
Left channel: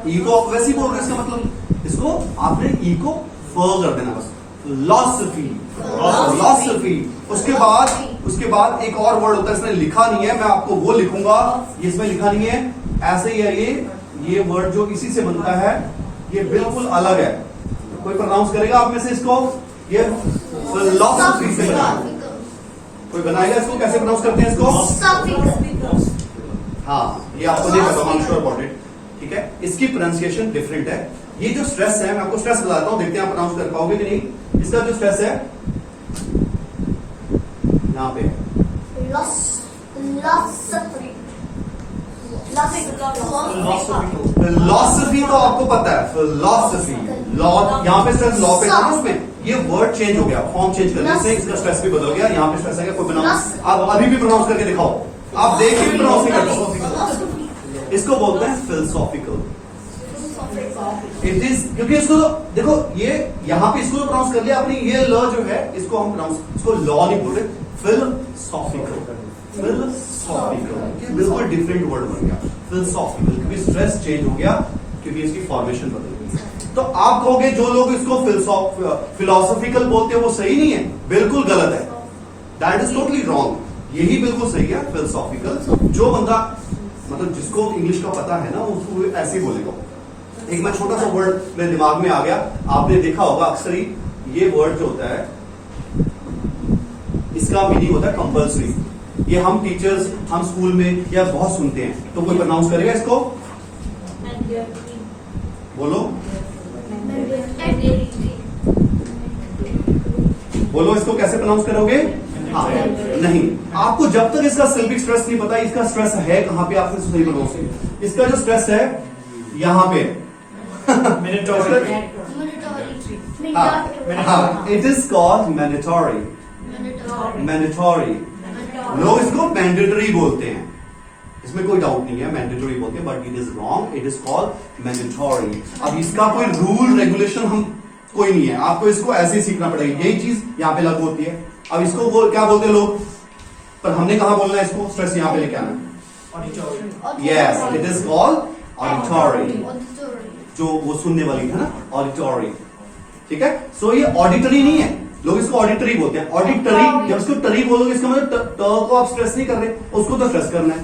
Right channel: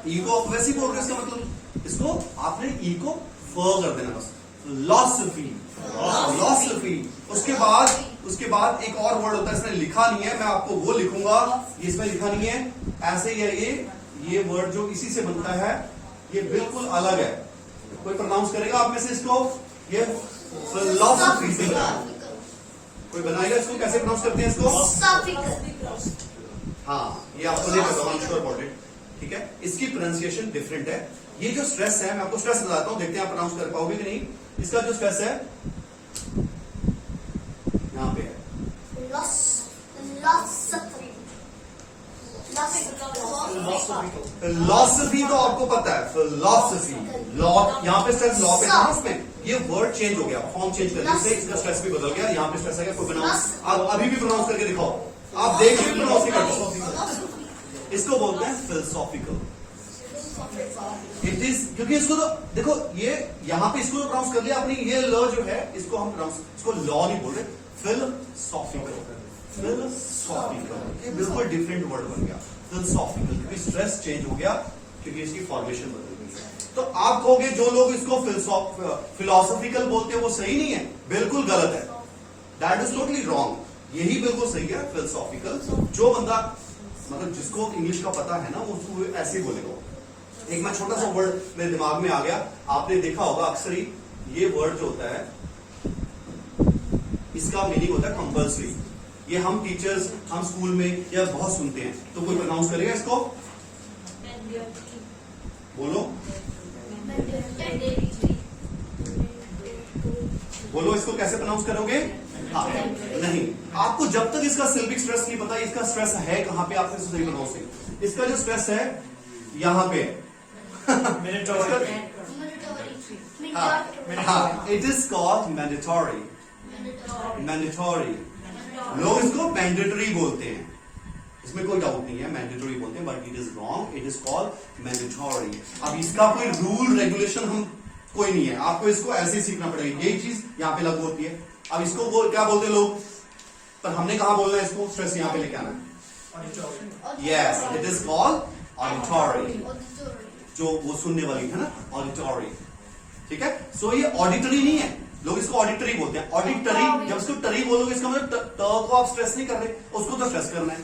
ई को आप वैसे ही बोल रहे हैं, इसका मतलब इसको आपने ई को फ कर देना बस, फिलॉसफी, फिलॉसफी। उसके बाद एक और वर्ड होता है, इसने लिखा नहीं है, मैं आपको वो लिखूंगा, इसमें लिखा नहीं है, ऐसे ही है ये वर्ड जो इसी से बनता है, ये बिल्कुल अलग है। कोई प्रोनाउंस करेगा आप में से इसको? ये फिलॉसफी से बना, कोई बनाएगा इसको? कैसे प्रोनाउंस करते हैं इसको? हाँ, ये आपको नहीं पता, I am sure about it, ठीक है। इसकी प्रोनाउंसिएशन डिफरेंट है। ये जो स्ट्रेस है, मैं आपको स्ट्रेस बताता हूं, देखते हैं आप प्रोनाउंस कर पाओगे कि नहीं। इसका जो स्ट्रेस है यहाँ पे, फिलॉसफी तो आपको पता है, फिलॉसफी, लॉ, यहाँ पे स्ट्रेस लॉ पे था ना, उसमें ये वर्ड चेंज हो गया, फॉर्म चेंज करने से इसका स्ट्रेस भी बदल गया। यहाँ पे स्ट्रेस है, कोई प्रोनाउंस आप अभी भी प्रोनाउंस करके दिखाओ, आप देखिए प्रोनाउंस नहीं करते। इसको बोलते हैं फिलोसॉफिकल। इट इज, क्योंकि इसको तो देखो, ये यहाँ पे इसको जो प्रोनाउंस कर लिया आपने, ये ल जो है इसको हम प्रोनाउंस, इसको लॉ नहीं बोल रहे, फिलोसॉफिकल, फिलोसॉफिकल। ये बिल्कुल डिफरेंट वर्ड बन गया फिलोसॉफिकल, क्योंकि स्ट्रेस चेंज हो गया, क्योंकि इसकी फॉर्मेशन बदल गई। तो आप कहोगे जो लोग इसको फिलोसॉफिकल बोलते हैं वो सही नहीं है, बिल्कुल गलत है, दैट इज टोटली रॉन्ग। यही बिल्कुल सही है फिलोसॉफिकल। जो बंदा मतलब जिसको इंग्लिश का पता है ना, उसको ऐसे ही बोलेगा। एक मैं छोटा सा वर्ड मेरे दिमाग में आ गया, आपने देखा होगा अक्सर ही, ये वर्ड जो होता है इसका मीनिंग होता है कंपल्सरी। ये हम टीचर्स, हम स्कूल में या बहुत सुनते हैं, तो कोई प्रोनाउंस करेगा इसको? बोलो, बोलो इसको कैसे प्रोनाउंस करोगे? हाँ, नहीं, आपको जब तक इसका सिल्बिक स्ट्रेस नहीं पता इसका स्ट्रेस है कहां पे, आपने सही प्रोनाउंस नहीं। इसका जो स्ट्रेस है यहां पे Mandatory. हाँ, it is called mandatory. Mandatory, लोग इसको मैंडेटरी बोलते हैं, इसमें कोई डाउट नहीं है, मैंडेटरी बोलते हैं, but it is wrong, it is called mandatory. अब इसका कोई रूल रेगुलेशन हम कोई नहीं है, आपको इसको ऐसे ही सीखना पड़ेगा, यही चीज यहाँ पे लागू होती है। अब इसको क्या बोलते हैं लोग, पर हमने कहा बोलना है इसको, स्ट्रेस यहाँ पे लेके आना। Yes, it is called auditory, जो वो सुनने वाली है ना, ऑडिटरी, ठीक है। सो ये ऑडिटरी नहीं है, लोग इसको ऑडिटरी बोलते हैं। ऑडिटरी, जब इसको टरी बोलोगे इसका मतलब ट को आप स्ट्रेस नहीं कर रहे, उसको तो स्ट्रेस करना है,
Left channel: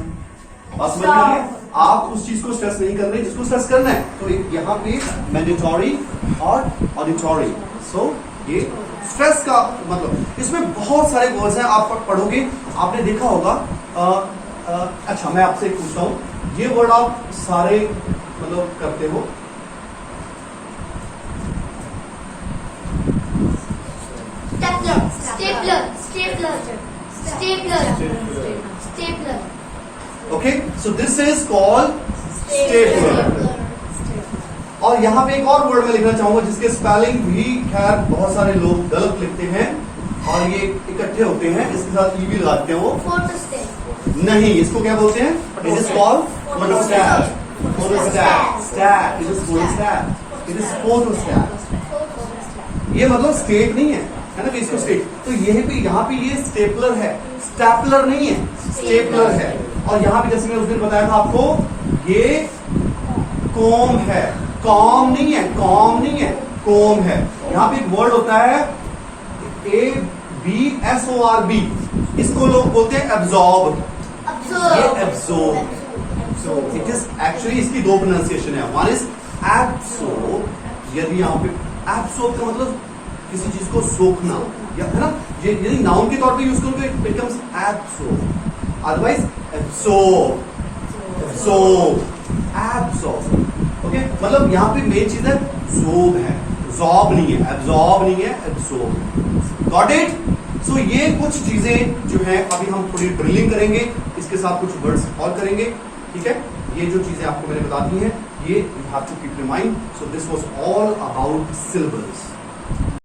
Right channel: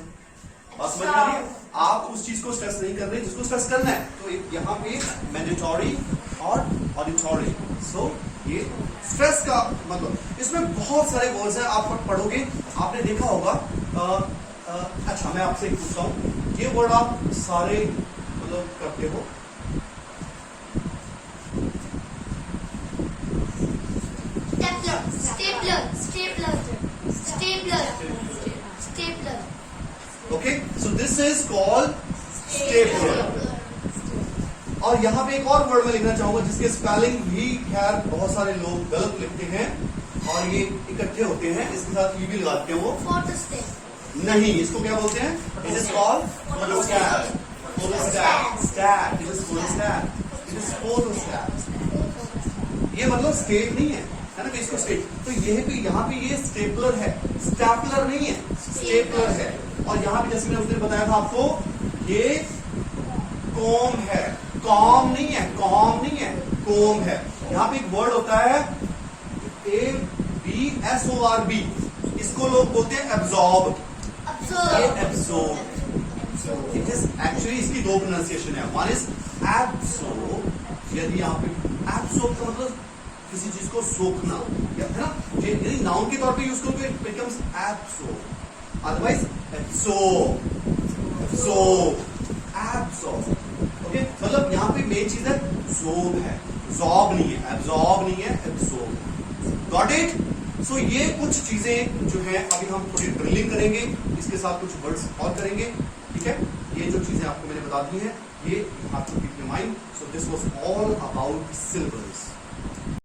और समझ में आ रही है? आप उस चीज को स्ट्रेस नहीं कर रहे जिसको स्ट्रेस करना है। तो यहाँ पे मैंडेटरी और ऑडिटरी, सो ये स्ट्रेस का मतलब, इसमें बहुत सारे वर्ड्स हैं, आप पढ़ोगे आपने देखा होगा। अच्छा, मैं आपसे एक पूछता हूं, ये वर्ड आप सारे मतलब करते हो? Stapler. Okay, so this is called stapler. और यहां पे एक और वर्ड मैं लिखना चाहूंगा जिसके स्पेलिंग भी खैर बहुत सारे लोग गलत लिखते हैं, और ये इकट्ठे होते हैं, इसके साथ ई भी लगाते हैं वो। नहीं, इसको क्या बोलते हैं? It is called photostat. Photostat, stat, it is photostat, it is photostat. ये मतलब स्टेट नहीं है ना, इसको स्टेट। तो ये पे यहाँ पे ये स्टेपलर है, स्टैपलर नहीं है, स्टेपलर है। और यहाँ पे जैसे मैंने उस दिन बताया था आपको, ये कॉम है, कॉम नहीं है, कॉम नहीं है, कॉम है। यहाँ पे एक वर्ड होता है ABSORB, इसको लोग बोलते हैं एब्जॉर्ब। ये एब्जॉर्ब, इट इज एक्चुअली, इसकी दो प्रोनाउंसिएशन है, वन इज एब्सॉर्ब। यदि यहाँ पे एब्सॉर्ब का मतलब किसी चीज को सोखना, या है ना, यदि नाउन के तौर पे यूज करोगे it becomes absorb, otherwise absorb, absorb, absorb. Okay, मतलब यहाँ पे मेन चीज है ज़ोब है, ज़ॉब नहीं है, एब्सॉर्ब नहीं है, एब्सॉर्ब। Got it? सो ये कुछ चीजें जो है अभी हम थोड़ी ड्रिलिंग करेंगे, इसके साथ कुछ वर्ड्स और करेंगे, ठीक है। ये जो चीजें आपको मैंने बता दी हैं, ये you have to keep in mind. So this was all about syllabus.